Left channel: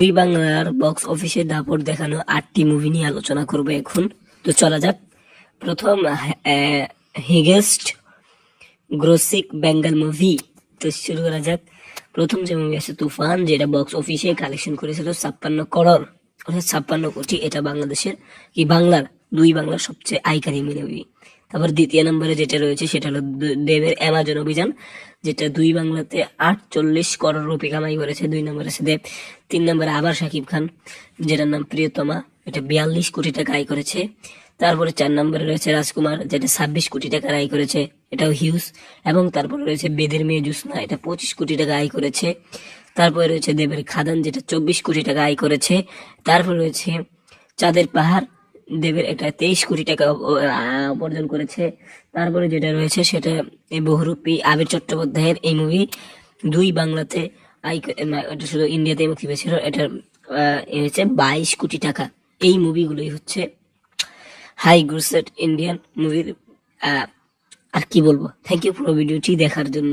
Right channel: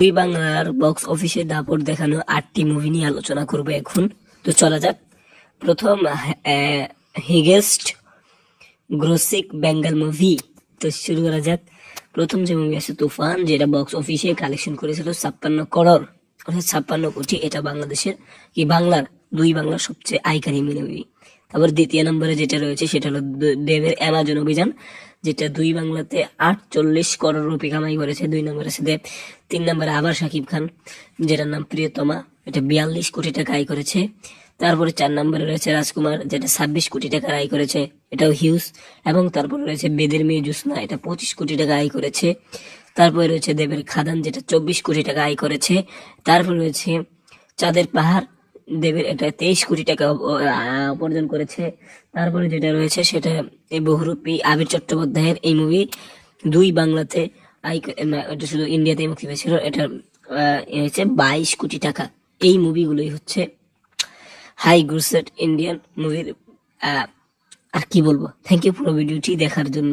দুই বাংলার বক্স অফিসে দাপট দেখানো 8টি মুভি নিয়ে আলোচনা করবো এখন। তো চলা যাক। প্রথম হিগেস্ট গ্রোসিক বেঙ্গল মুভি। তো শুরু করা যাক। প্রথম যে মুভি আছে তুফান, যেটা বক্স অফিসে কালেকশন করেছিল 56 করোড়, অর্থাৎ 56 কোটি। এটা বাংলাদেশের দুই বাংলার সবচেয়ে আইকনিক মুভি। তারপর দ্বিতীয় নম্বরে যেটা রয়েছে সেটা হলো দেবের অ্যামাজন অভিযান, যেটা দুই বাংলাতে 48 করোড় রুপি কামাই করেছে। 2 নম্বরে আছে দেব। 3 নম্বরে আবার শাকিব খান, যেটার নাম প্রিয়তমা, এটা 42 কোটি টাকা আয় করেছে। তারপরে 4 নম্বরে রয়েছে রাজকুমার, যেটা 26 কোটি টাকা আয় করেছে, এটাও হিউজ। এবং তারপরে রয়েছে বেদের মেয়ে জুসনা, এটা 25 কোটি টাকা আয় করেছে। তারপরে রয়েছে দেবের খাদান, যেটা 24 কোটি টাকা আয় করেছে। তারপর রয়েছে চাঁদের পাহাড়, দেবের এটা 23 কোটি টাকা উপার্জন করেছে। তারপরে যেটা রয়েছে সেটা বহুরূপী আবির চট্টোপাধ্যায়ের এই মুভি দুই বাংলাতে এটা শুধু ইন্ডিয়াতে মুক্তি পেয়েছিল, এটা হচ্ছে 22 কোটি টাকা। এই মুভিগুলোই হচ্ছে হাই গ্রোসেট ইন্ডিয়ান মুভির। আর কি বলবো, থ্যাংক ইউ পুরো ভিডিওটি দেখার জন্য।